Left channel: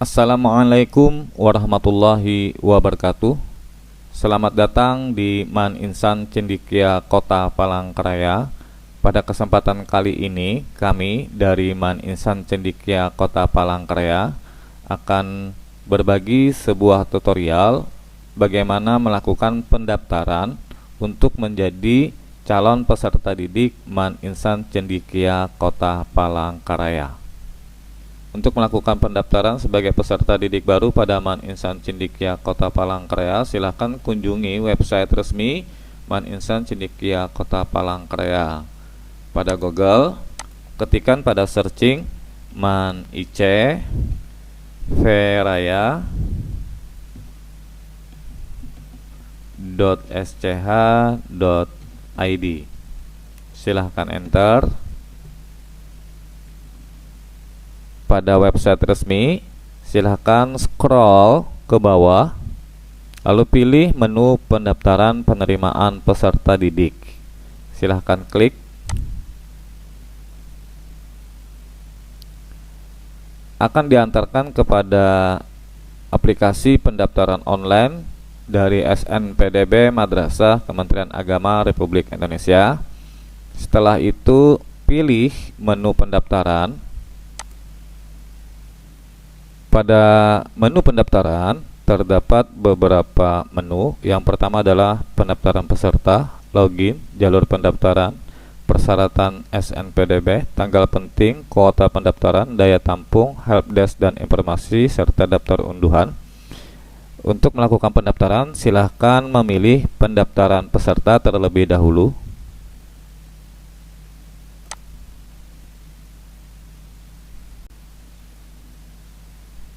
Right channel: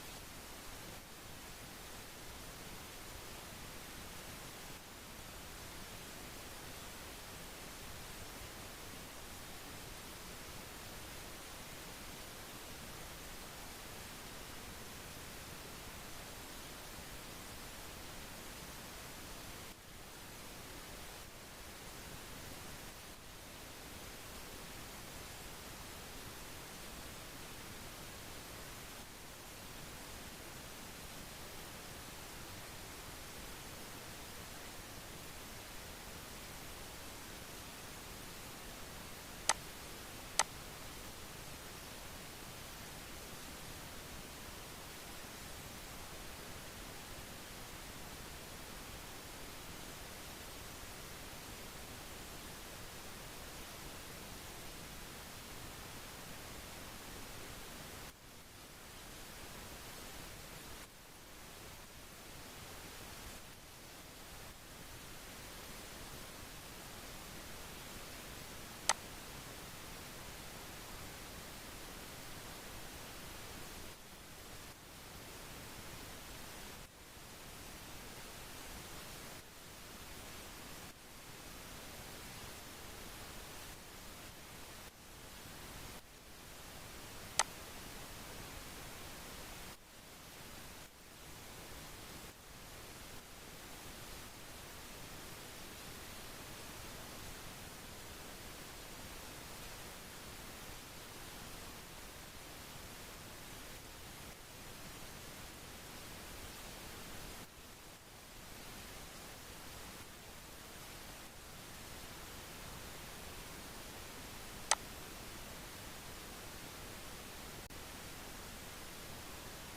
Assalamualaikum warahmatullahi wabarakatuh. Selamat datang di Man Insan Cendikia Kota Palangkaraya. Pada kesempatan kali ini, kami dari Man Insan Cendikia Kota Palangkaraya akan berbagi sebuah tutorial bagaimana melakukan pendaftaran untuk menjadi calon peserta didik Man Insan Cendikia Kota Palangkaraya. Untuk melakukan pendaftaran sebagai peserta didik baru pada Man Insan Cendikia Kota Palangkaraya, silakan kunjungi website resmi Man Insan Cendikia Kota Palangkaraya. Pada Google, ketikkan pada searching Man IC Veraya .sch.id. Silahkan enter. Pada website resmi, silahkan scroll ke bawah, lalu pilih menu pendaftaran penerimaan peserta didik. Silahkan klik. Akan diantarkan kepada aplikasi pendaftaran online dari SNPDB Madrasah Kementerian Agama Republik Indonesia. Setelah itu, pilih menu pendaftaran. Pada menu pendaftaran terdapat beberapa menu. Yang pertama adalah pendaftaran peserta, login, jalur pendaftaran, persyaratan SNPDB, tanggal penting, kuota pendaftaran, daya tampung, helpdesk dan informasi, serta daftar unduhan. Untuk melakukan pendaftaran, silahkan memilih pendaftaran peserta terlebih dahulu.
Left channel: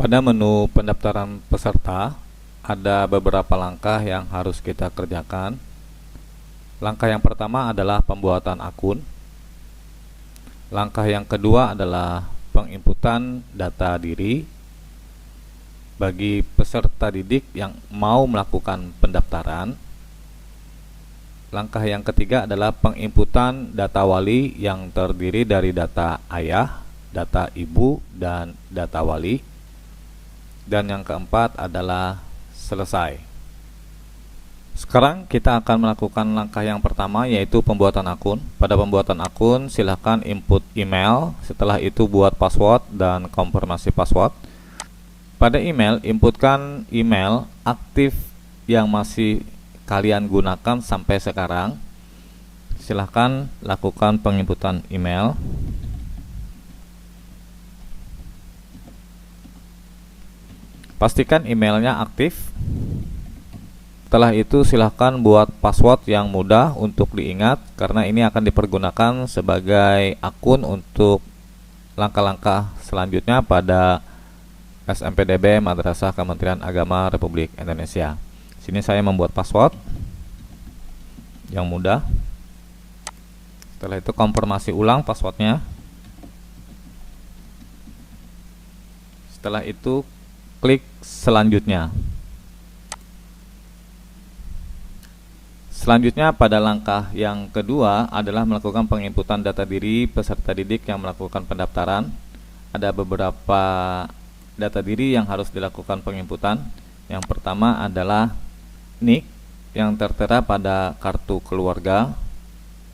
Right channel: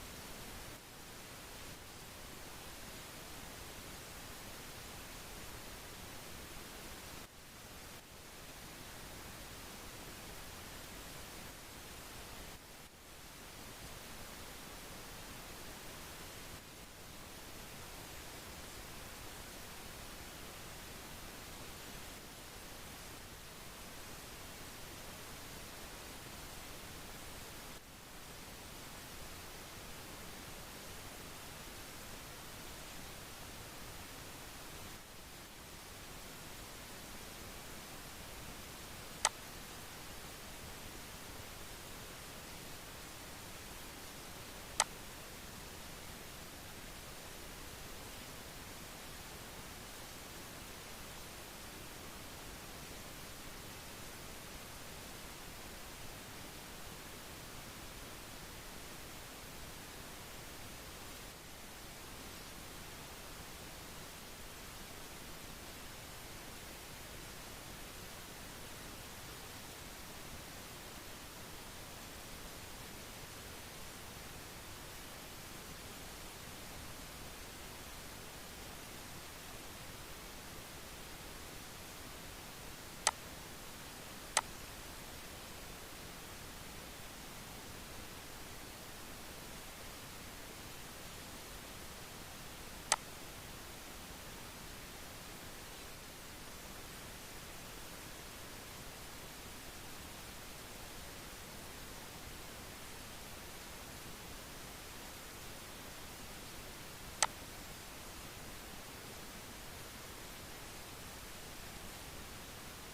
Pada menu pendaftaran peserta, ada beberapa langkah yang harus kita kerjakan. Langkah yang pertama adalah pembuatan akun. Langkah yang kedua adalah penginputan data diri bagi peserta didik yang mau melakukan pendaftaran. Langkah yang ketiga adalah penginputan data wali yang terdiri dari data ayah, data ibu, dan data wali. Dan yang keempat adalah selesai. Sekarang kita akan melakukan langkah yang pertama, yaitu pembuatan akun. Pada pembuatan akun, silahkan input email. Setelah itu buat password dan konfirmasi password. Pada email, inputkan email aktif yang masih kalian gunakan sampai sekarang. Silahkan lakukan penginputan email. Pastikan emailnya aktif. Setelah itu silahkan buat password yang mudah untuk diingat, karena ini akan dipergunakan sebagai akun untuk langkah-langkah selanjutnya pada SNPDB Madrasah Kementerian Agama Republik Indonesia. Sini saya membuat password yang mudah. Setelah itu konfirmasi ulang passwordnya. Setelah itu klik selanjutnya. Selanjutnya pada langkah yang kedua adalah melakukan penginputan data diri peserta didik yang melakukan pendaftaran. Ada beberapa data diri yang harus dilakukan penginputan. Yang pertama adalah NIK yang tertera pada kartu keluarga.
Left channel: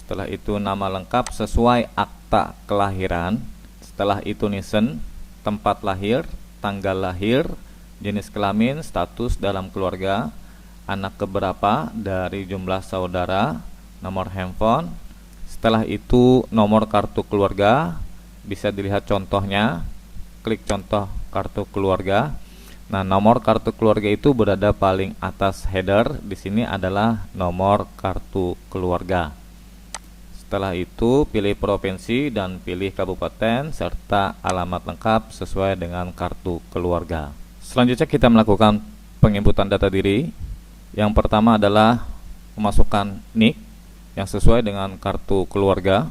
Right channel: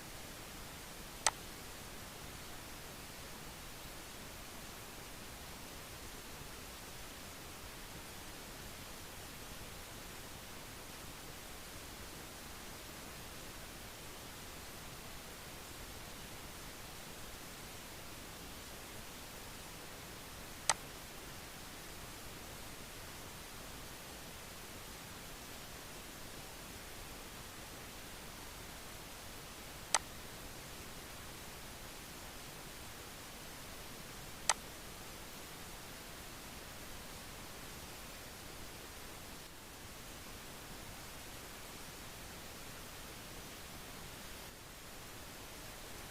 Setelah itu nama lengkap sesuai akta kelahiran. Setelah itu NISN, tempat lahir, tanggal lahir, jenis kelamin, status dalam keluarga, anak keberapa dari jumlah saudara, nomor handphone. Setelah itu nomor kartu keluarga, bisa dilihat contohnya, klik contoh kartu keluarga. Nah, nomor kartu keluarga itu berada paling atas header. Di sini adalah nomor kartu keluarga. Setelah itu pilih provinsi dan pilih kabupaten serta alamat lengkap sesuai dengan kartu keluarga. Selanjutnya kita melakukan penginputan data diri. Yang pertama adalah memasukkan NIK yang sesuai dengan kartu keluarga.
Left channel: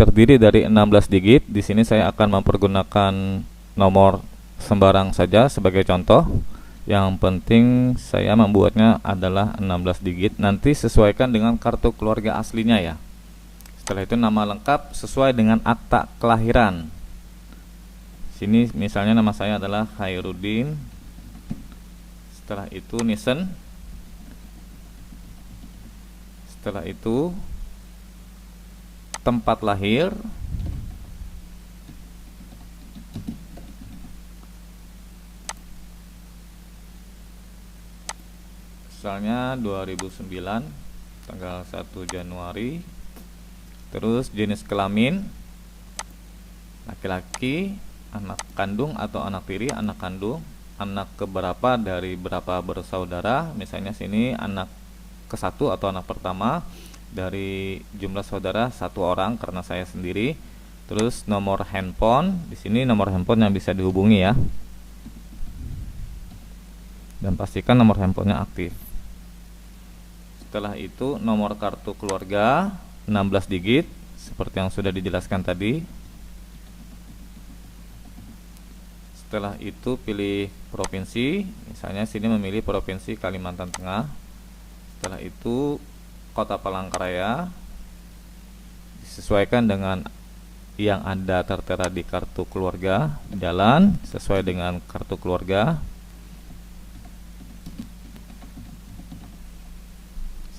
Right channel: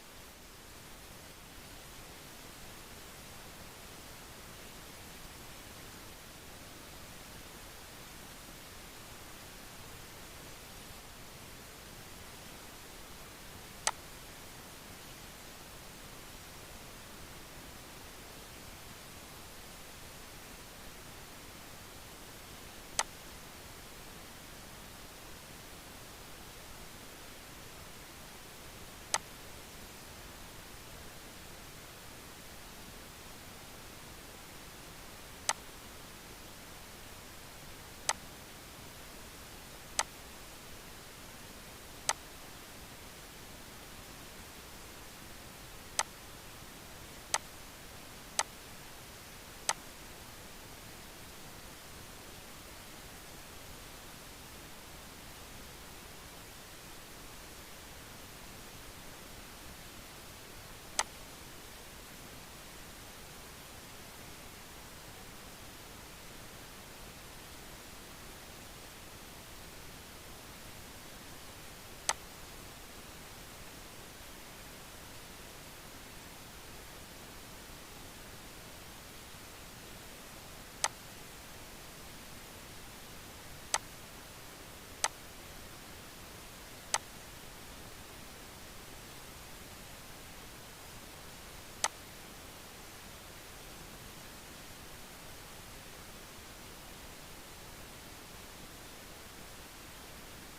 Terdiri dari 16 digit. Di sini saya akan mempergunakan nomor sembarang saja sebagai contoh. Yang penting saya membuatnya adalah 16 digit. Nanti sesuaikan dengan kartu keluarga aslinya ya. Setelah itu nama lengkap sesuai dengan akta kelahiran. sini misalnya nama saya adalah Khairuddin. Setelah itu Nisen. Setelah itu tempat lahir. Misalnya 2009 tanggal 1 Januari. Terus jenis kelamin laki-laki, anak kandung atau anak tiri, anak kandung, anak keberapa dari berapa bersaudara. Misalnya sini anak ke-1 atau anak pertama dari jumlah saudara 1 orang karena saya sendiri. Terus nomor handphone, di sini nomor handphone yang bisa dihubungi ya. Dan pastikan nomor handphonenya aktif. Setelah itu nomor kartu keluarga 16 digit seperti yang sudah dijelaskan tadi. Setelah itu pilih provinsi, misalnya sini memilih provinsi Kalimantan Tengah. Setelah itu kota Palangkaraya, disesuaikan dengan yang ada tertera di kartu keluarga. Jalan sesuai dengan kartu keluarga.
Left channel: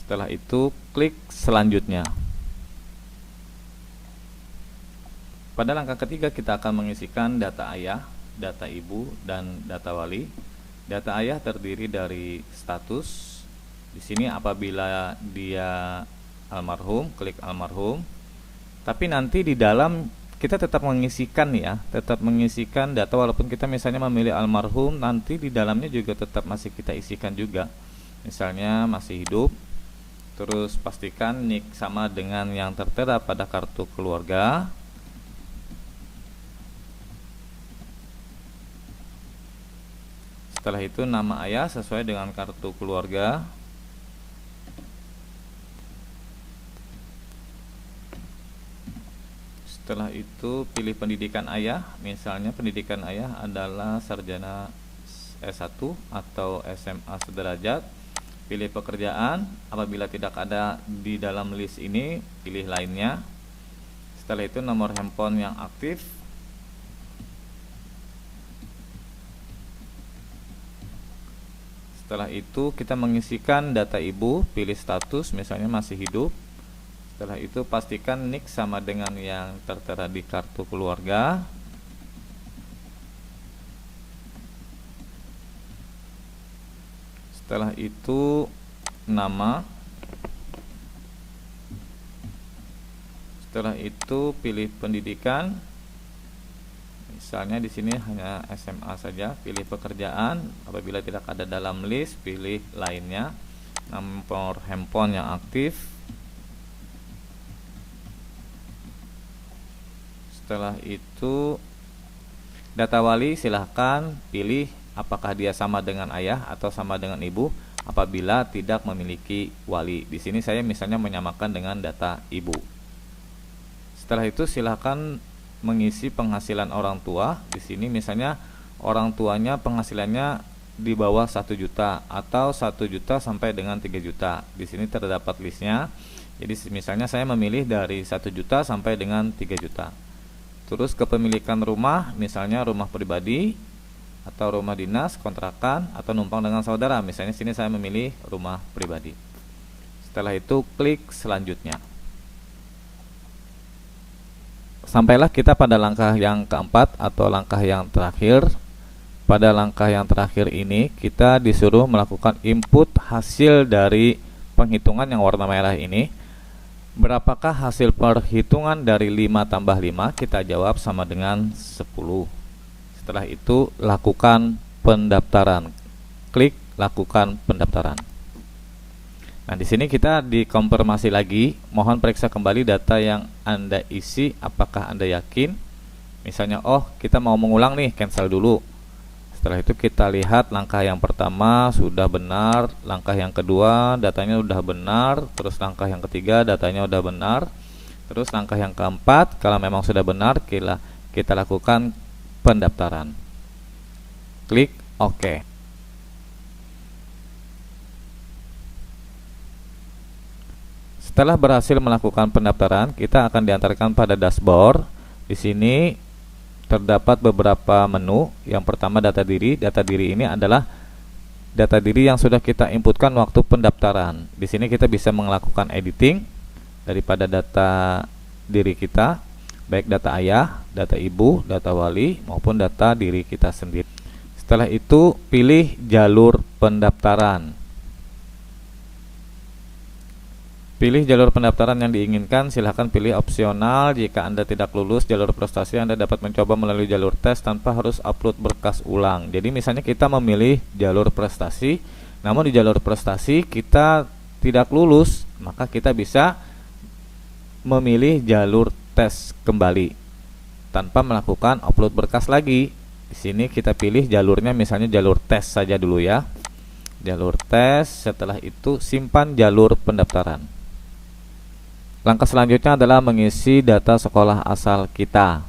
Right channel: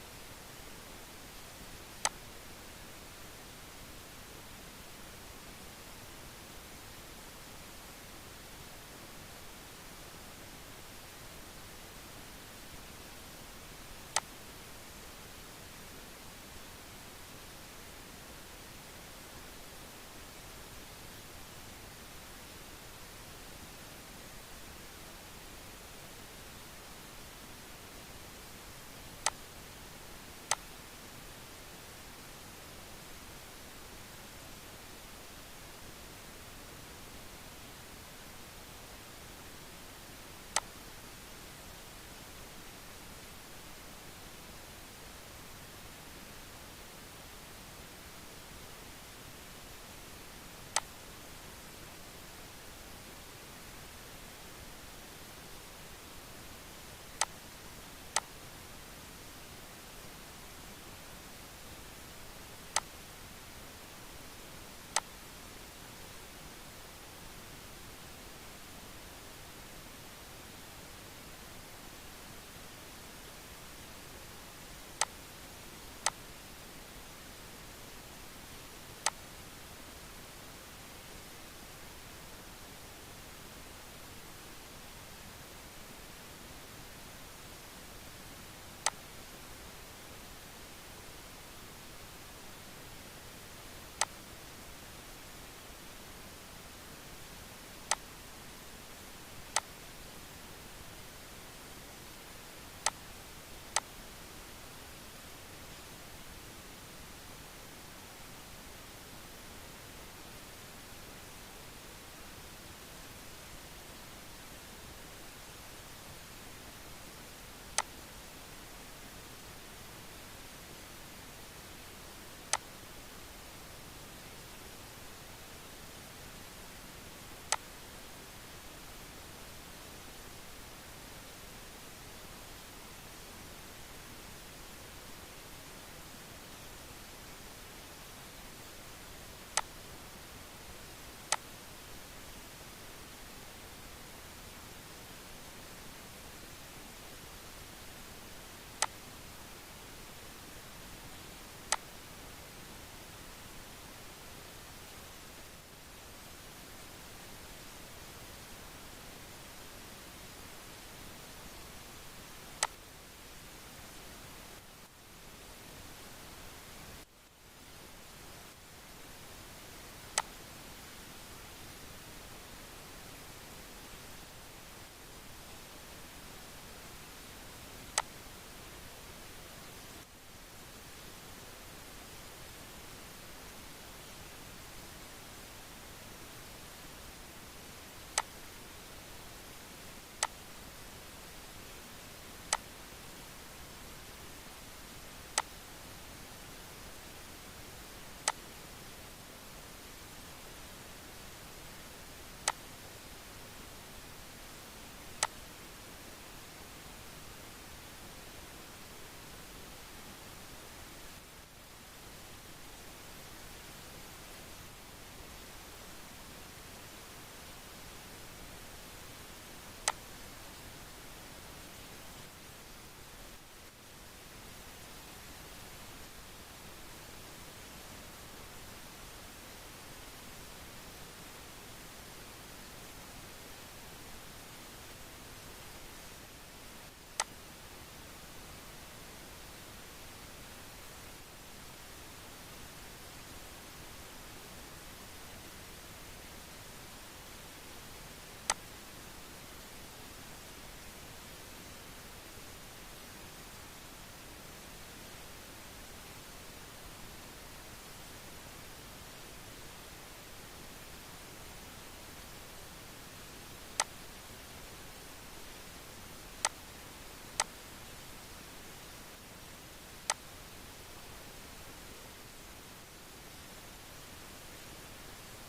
Setelah itu klik selanjutnya. Pada langkah ketiga kita akan mengisikan data ayah, data ibu, dan data wali. Data ayah terdiri dari status. Di sini apabila dia almarhum, klik almarhum. Tapi nanti di dalam kita tetap mengisikan ya, tetap mengisikan data walaupun kita misalnya memilih almarhum, nanti di dalamnya juga tetap masih kita isikan juga. Misalnya masih hidup. Terus pastikan nik sama dengan yang tertera pada kartu keluarga. Setelah itu nama ayah sesuai dengan kartu keluarga. Setelah itu pilih pendidikan ayah. Misalnya pendidikan ayah adalah sarjana S1 atau SMA sederajat. Pilih pekerjaan, apabila tidak ada di dalam list ini, pilih lainnya. Setelah itu nomor handphone yang aktif. Setelah itu kita mengisikan data ibu, pilih status, misalnya masih hidup. Setelah itu pastikan nik sama dengan yang tertera di kartu keluarga. Setelah itu nama. Setelah itu pilih pendidikan. Misalnya di sini hanya SMA saja. Pilih pekerjaan. Apabila tidak ada dalam list, pilih lainnya. Nomor handphone yang aktif. Setelah itu data wali, silahkan pilih apakah dia sama dengan ayah atau sama dengan ibu. Apabila tidak memiliki wali, di sini saya misalnya menyamakan dengan data ibu. Setelah itu silahkan mengisi penghasilan orang tua. Di sini misalnya orang tuanya penghasilannya di bawah 1 juta atau 1 juta sampai dengan 3 juta. Di sini terdapat listnya. Jadi misalnya saya memilih dari 1 juta sampai dengan 3 juta. Terus kepemilikan rumah, misalnya rumah pribadi atau rumah dinas, kontrakan, atau numpang dengan saudara. Misalnya sini saya memilih rumah pribadi. Setelah itu klik selanjutnya. Sampailah kita pada langkah yang keempat atau langkah yang terakhir. Pada langkah yang terakhir ini kita disuruh melakukan input hasil dari penghitungan yang warna merah ini. Berapakah hasil perhitungan dari 5 tambah 5? Kita jawab sama dengan 10. Setelah itu lakukan pendaftaran. Klik lakukan pendaftaran. Nah, di sini kita dikonfirmasi lagi. Mohon periksa kembali data yang Anda isi, apakah Anda yakin? Misalnya, oh kita mau mengulang nih, cancel dulu. Setelah itu kita lihat langkah yang pertama sudah benar, langkah yang kedua datanya sudah benar, terus langkah yang ketiga datanya sudah benar, terus langkah yang keempat kalau memang sudah benar kita lakukan pendaftaran. Klik OK. Setelah berhasil melakukan pendaftaran, kita akan diantarkan pada dashboard. Di sini terdapat beberapa menu. Yang pertama data diri. Data diri ini adalah data diri yang sudah kita inputkan waktu pendaftaran. Di sini kita bisa melakukan editing daripada data diri kita, baik data ayah, data ibu, data wali, maupun data diri kita sendiri. Setelah itu pilih jalur pendaftaran. Pilih jalur pendaftaran yang diinginkan. Silahkan pilih opsional. Jika Anda tidak lulus jalur prestasi, Anda dapat mencoba melalui jalur tes tanpa harus upload berkas ulang. Jadi misalnya kita memilih jalur prestasi, namun di jalur prestasi kita tidak lulus, maka kita bisa memilih jalur tes kembali tanpa melakukan upload berkas lagi. Di sini kita pilih jalurnya misalnya jalur tes saja dulu ya. Jalur tes, setelah itu simpan jalur pendaftaran. Langkah selanjutnya adalah mengisi data sekolah asal kita.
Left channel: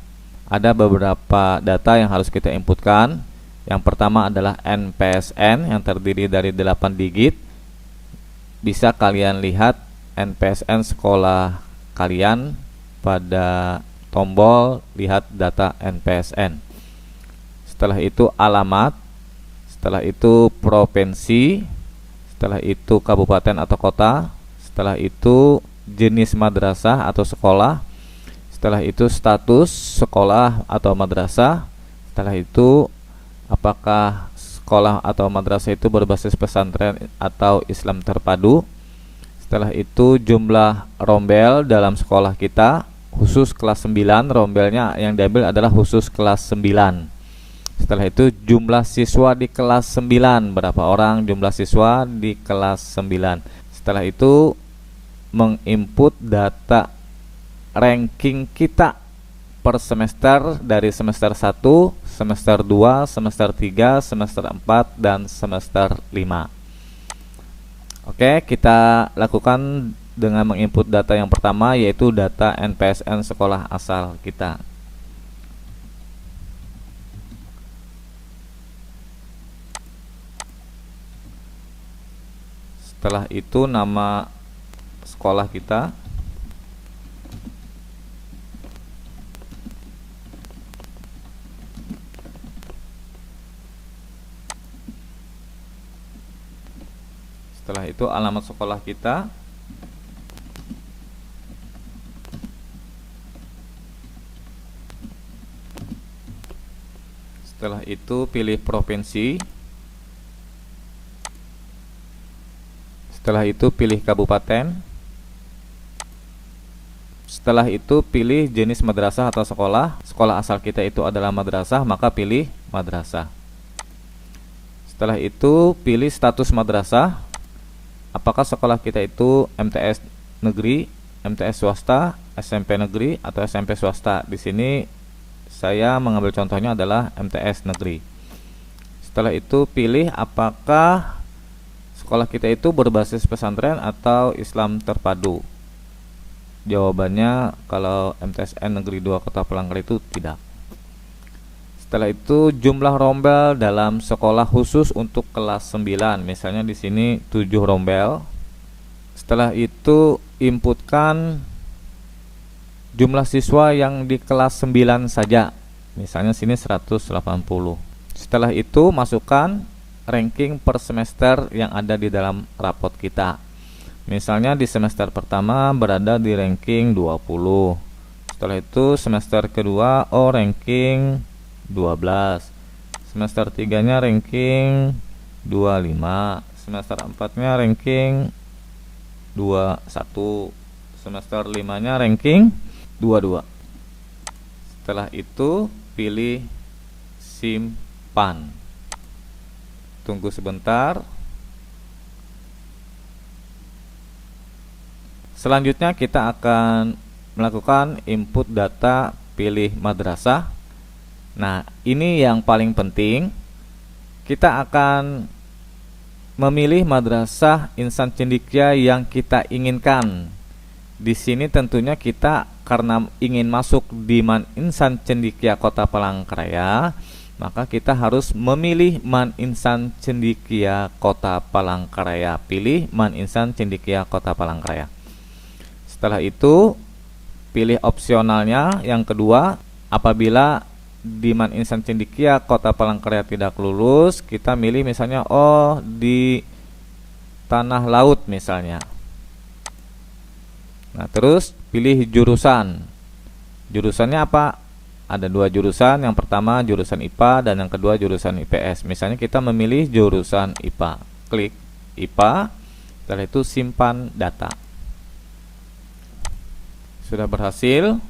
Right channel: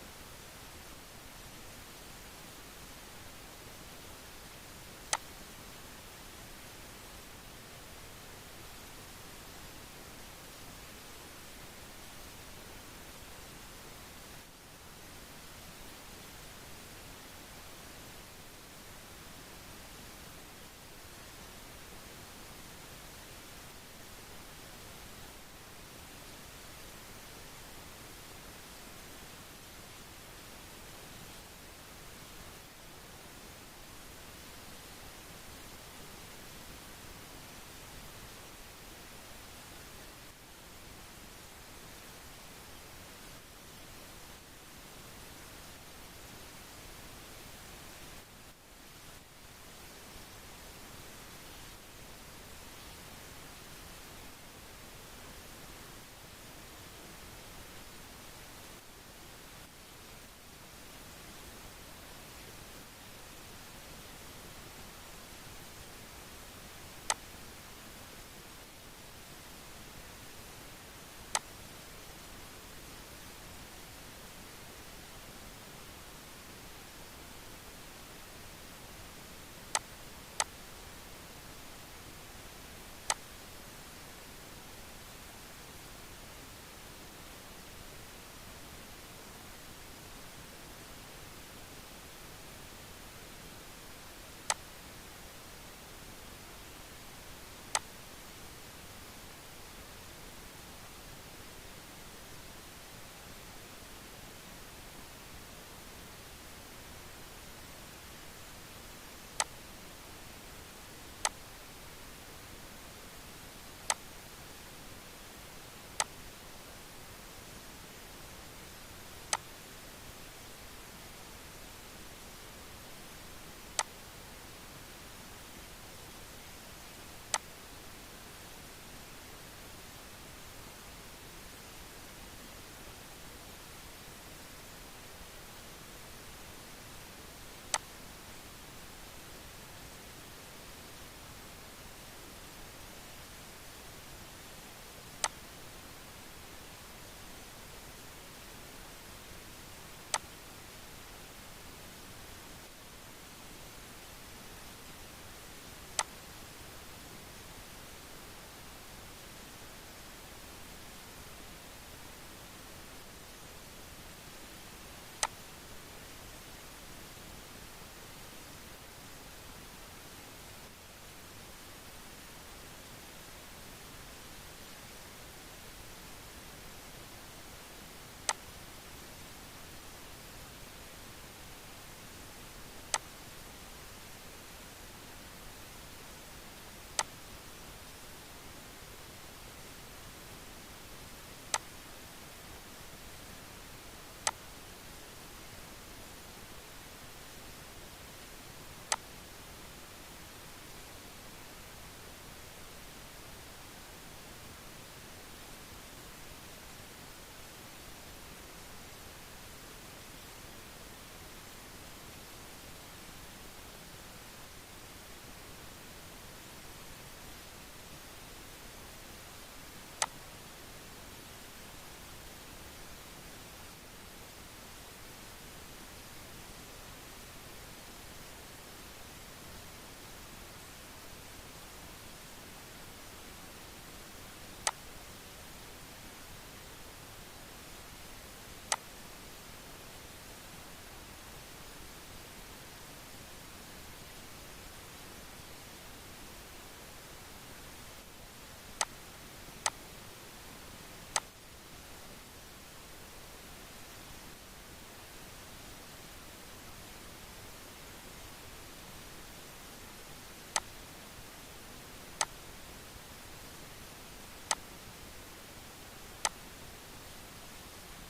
Ada beberapa data yang harus kita inputkan. Yang pertama adalah NPSN yang terdiri dari 8 digit. Bisa kalian lihat NPSN sekolah kalian pada tombol lihat data NPSN. Setelah itu alamat, setelah itu provinsi, setelah itu kabupaten atau kota, setelah itu jenis madrasah atau sekolah, setelah itu status sekolah atau madrasah, setelah itu apakah sekolah atau madrasah itu berbasis pesantren atau Islam terpadu, setelah itu jumlah rombel dalam sekolah kita, khusus kelas 9, rombelnya yang diambil adalah khusus kelas 9. Setelah itu jumlah siswa di kelas 9, berapa orang jumlah siswa di kelas 9. Setelah itu menginput data ranking kita per semester dari semester 1, semester 2, semester 3, semester 4, dan semester 5. Oke, kita lakukan dengan menginput data yang pertama, yaitu data NPSN sekolah asal kita. Setelah itu nama sekolah kita, setelah itu alamat sekolah kita, setelah itu pilih provinsi, setelah itu pilih kabupaten, setelah itu pilih jenis madrasah atau sekolah. Sekolah asal kita itu adalah madrasah, maka pilih madrasah. Setelah itu pilih status madrasah. Apakah sekolah kita itu MTS negeri, MTS swasta, SMP negeri, atau SMP swasta. Di sini saya mengambil contohnya adalah MTS negeri. Setelah itu pilih apakah sekolah kita itu berbasis pesantren atau Islam terpadu. Jawabannya kalau MTSN Negeri 2 Kota Palangkaraya itu tidak. Setelah itu jumlah rombel dalam sekolah khusus untuk kelas 9. Misalnya di sini 7 rombel. Setelah itu inputkan jumlah siswa yang di kelas 9 saja. Misalnya sini 180. Setelah itu masukkan ranking per semester yang ada di dalam rapot kita. Misalnya di semester pertama berada di ranking 20. Setelah itu semester kedua ranking 12. Semester 3-nya ranking 25. Semester 4-nya ranking 21. Semester 5-nya ranking 22. Setelah itu pilih simpan. Tunggu sebentar. Selanjutnya kita akan melakukan input data pilih madrasah. Nah, ini yang paling penting. Kita akan memilih madrasah insan cendekia yang kita inginkan. Di sini tentunya kita karena ingin masuk di Man Insan Cendekia Kota Palangkaraya, maka kita harus memilih Man Insan Cendekia Kota Palangkaraya. Pilih Man Insan Cendekia Kota Palangkaraya. Setelah itu pilih opsionalnya yang kedua, apabila Diman Insan Cendikia, Kota Palangkaraya tidak lulus, kita milih misalnya di Tanah Laut misalnya. Nah, terus pilih jurusan. Jurusannya apa? Ada 2 jurusan, yang pertama jurusan IPA dan yang kedua jurusan IPS. Misalnya kita memilih jurusan IPA. Klik IPA, setelah itu simpan data. Sudah berhasil.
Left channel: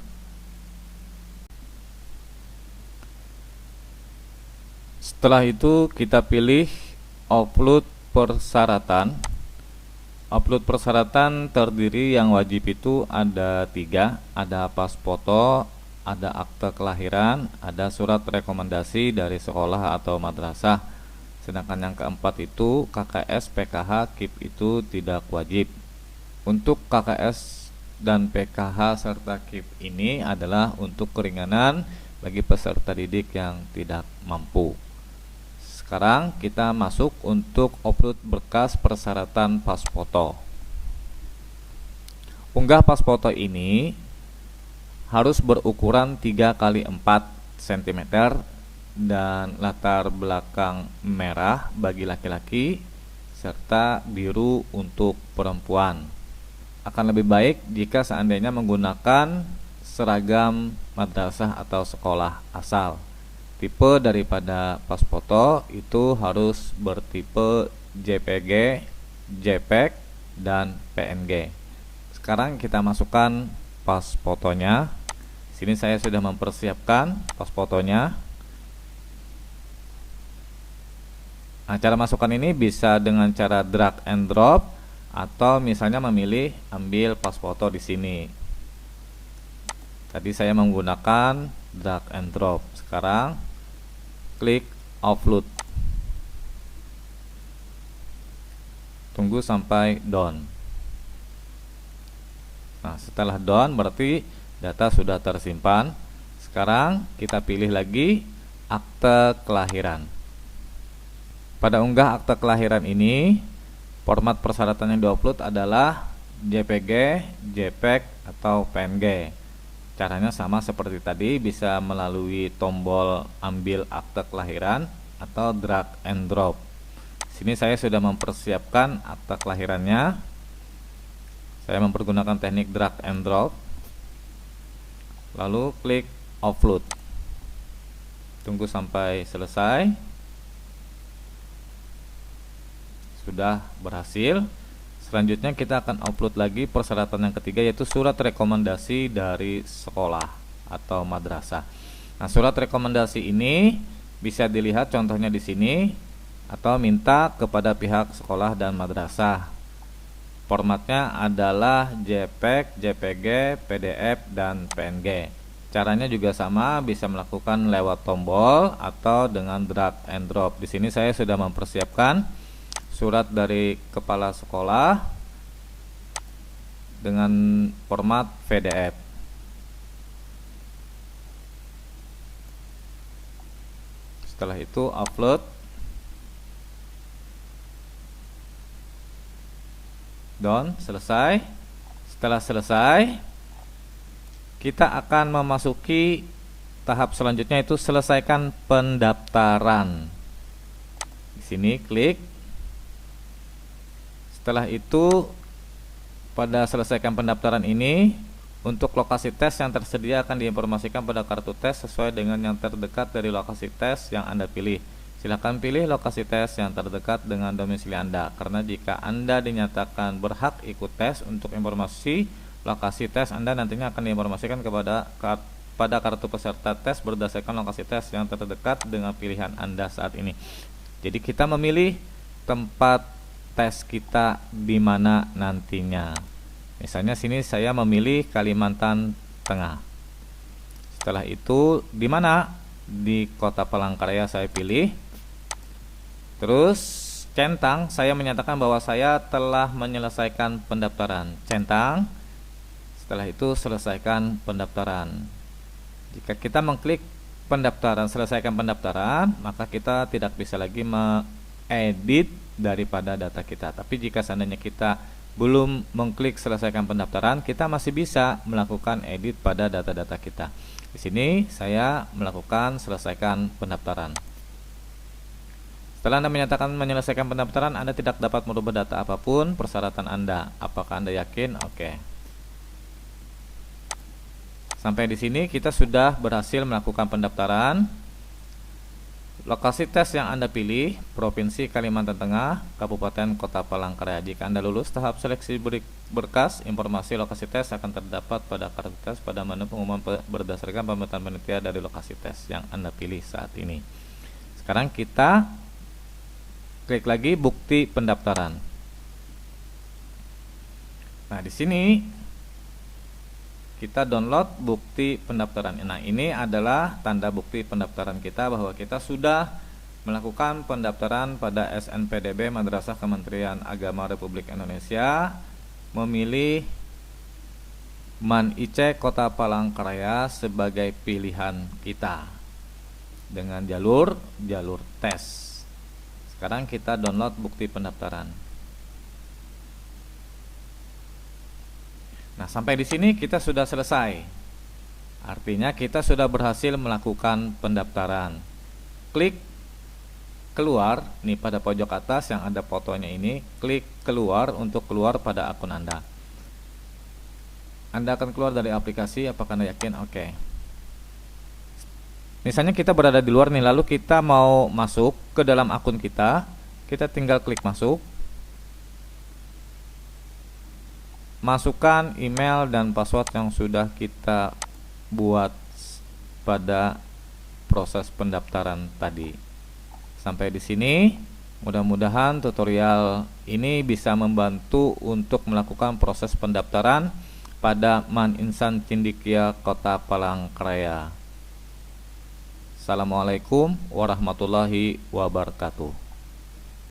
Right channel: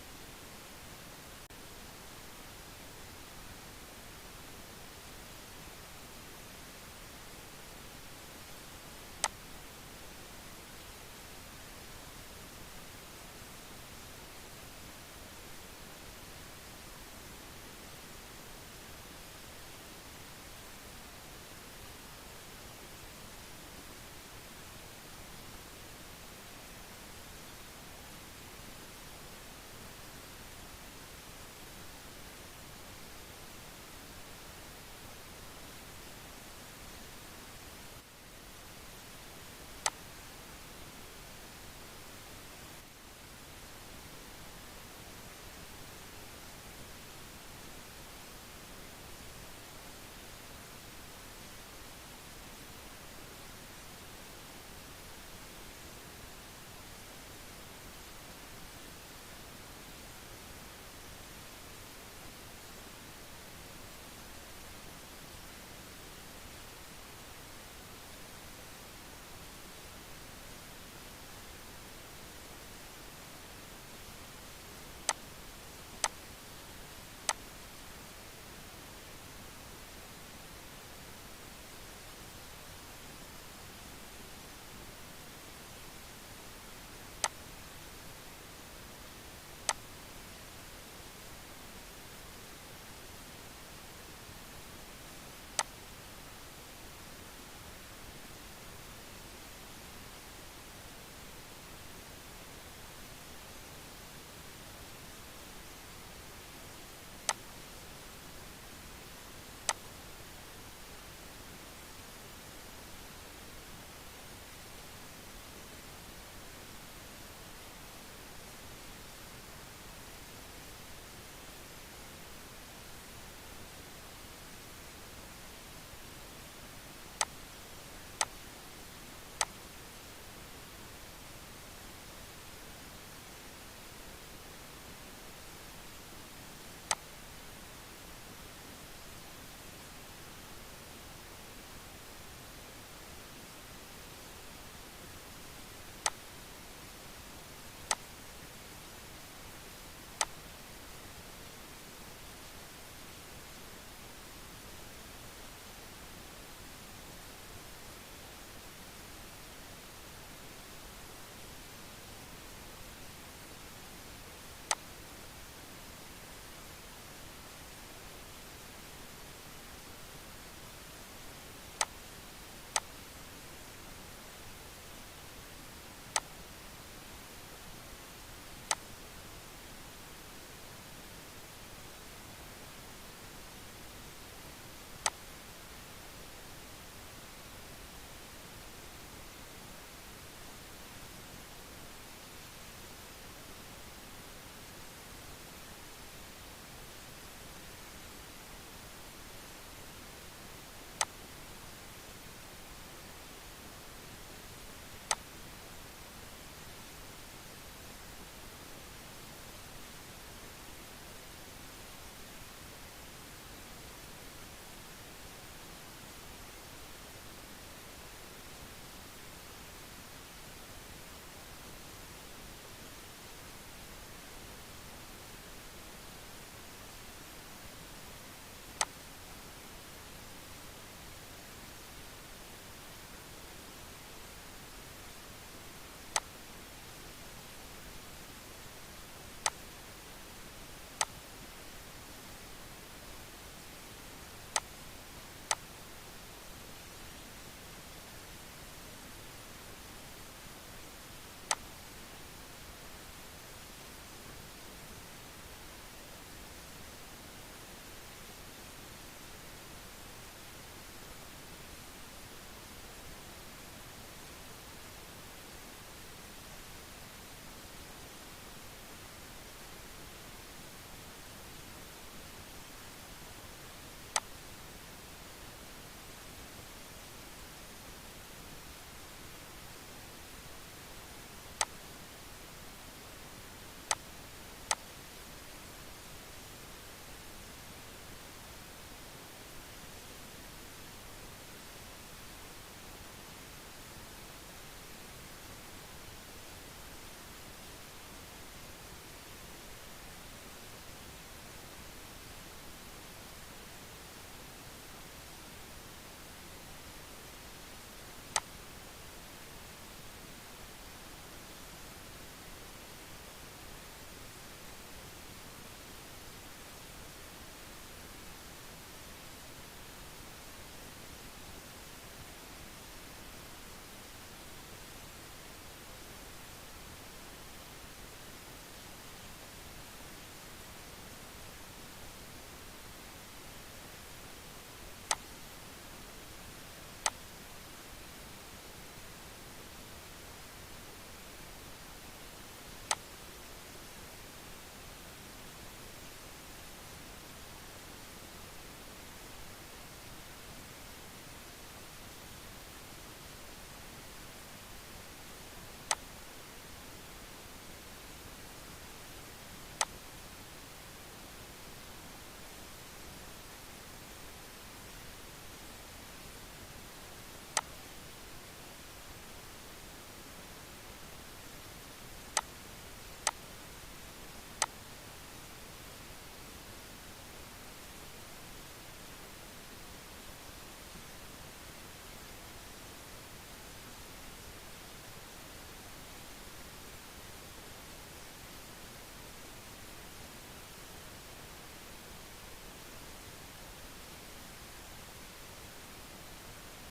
Setelah itu kita pilih upload persyaratan. Upload persyaratan terdiri yang wajib itu ada 3, ada pas foto, ada akte kelahiran, ada surat rekomendasi dari sekolah atau madrasah. Sedangkan yang keempat itu KKS, PKH, KIP itu tidak wajib. Untuk KKS dan PKH serta KIP ini adalah untuk keringanan bagi peserta didik yang tidak mampu. Sekarang kita masuk untuk upload berkas persyaratan pas foto. Unggah pas foto ini harus berukuran 3x4 cm dan latar belakang merah bagi laki-laki serta biru untuk perempuan. Akan lebih baik jika seandainya menggunakan seragam madrasah atau sekolah asal. Tipe daripada pas foto itu harus bertipe JPG, JPEG, dan PNG. Sekarang kita masukkan pas fotonya. Sini saya sudah mempersiapkan pas fotonya. Nah, cara masukkan ini bisa dengan cara drag and drop atau misalnya memilih ambil pas foto di sini. Tadi saya menggunakan drag and drop. Sekarang klik upload. Tunggu sampai done. Nah, setelah done berarti data sudah tersimpan. Sekarang kita pilih lagi akte kelahiran. Pada unggah akte kelahiran ini, format persyaratan yang diupload adalah JPG, JPEG, atau PNG. Caranya sama seperti tadi, bisa melalui tombol ambil akte kelahiran atau drag and drop. Sini saya sudah mempersiapkan akte kelahirannya. Saya mempergunakan teknik drag and drop. Lalu klik upload. Tunggu sampai selesai. Sudah berhasil. Selanjutnya kita akan upload lagi persyaratan yang ketiga, yaitu surat rekomendasi dari sekolah atau madrasah. Nah, surat rekomendasi ini bisa dilihat contohnya di sini atau minta kepada pihak sekolah dan madrasah. Formatnya adalah JPEG, JPG, PDF, dan PNG. Caranya juga sama, bisa melakukan lewat tombol atau dengan drag and drop. Di sini saya sudah mempersiapkan surat dari kepala sekolah dengan format PDF. Setelah itu upload. Done, selesai. Setelah selesai, kita akan memasuki tahap selanjutnya, yaitu selesaikan pendaftaran. Di sini klik. Setelah itu, pada selesaikan pendaftaran ini, untuk lokasi tes yang tersedia akan diinformasikan pada kartu tes sesuai dengan yang terdekat dari lokasi tes yang Anda pilih. Silakan pilih lokasi tes yang terdekat dengan domisili Anda, karena jika Anda dinyatakan berhak ikut tes, untuk informasi lokasi tes Anda nantinya akan diinformasikan pada kartu peserta tes berdasarkan lokasi tes yang terdekat dengan pilihan Anda saat ini. Jadi kita memilih tempat tes kita di mana nantinya. Misalnya sini saya memilih Kalimantan Tengah. Setelah itu di mana? Di Kota Palangkaraya saya pilih. Terus centang, saya menyatakan bahwa saya telah menyelesaikan pendaftaran. Centang. Setelah itu selesaikan pendaftaran. Jika kita mengklik pendaftaran, selesaikan pendaftaran, maka kita tidak bisa lagi mengedit daripada data kita. Tapi jika seandainya kita belum mengklik selesaikan pendaftaran, kita masih bisa melakukan edit pada data-data kita. Di sini saya melakukan selesaikan pendaftaran. Setelah Anda menyatakan menyelesaikan pendaftaran, Anda tidak dapat merubah data apapun persyaratan Anda. Apakah Anda yakin? Oke. Sampai di sini kita sudah berhasil melakukan pendaftaran. Lokasi tes yang Anda pilih, Provinsi Kalimantan Tengah, Kabupaten Kota Palangkaraya. Jika Anda lulus tahap seleksi berkas, informasi lokasi tes akan terdapat pada kartu tes pada menu pengumuman berdasarkan pemetaan panitia dari lokasi tes yang Anda pilih saat ini. Sekarang kita klik lagi bukti pendaftaran. Nah, di sini kita download bukti pendaftaran. Nah, ini adalah tanda bukti pendaftaran kita bahwa kita sudah melakukan pendaftaran pada SNPDB Madrasah Kementerian Agama Republik Indonesia, memilih MAN IC Kota Palangkaraya sebagai pilihan kita dengan jalur tes. Sekarang kita download bukti pendaftaran. Nah, sampai di sini kita sudah selesai. Artinya kita sudah berhasil melakukan pendaftaran. Klik keluar, nih pada pojok atas yang ada fotonya ini, klik keluar untuk keluar pada akun Anda. Anda akan keluar dari aplikasi, apakah Anda yakin? Oke. Misalnya kita berada di luar nih, lalu kita mau masuk ke dalam akun kita tinggal klik masuk. Masukkan email dan password yang sudah kita buat pada proses pendaftaran tadi. Sampai di sini, mudah-mudahan tutorial ini bisa membantu untuk melakukan proses pendaftaran pada MAN Insan Cendekia Kota Palangkaraya. Assalamualaikum warahmatullahi wabarakatuh.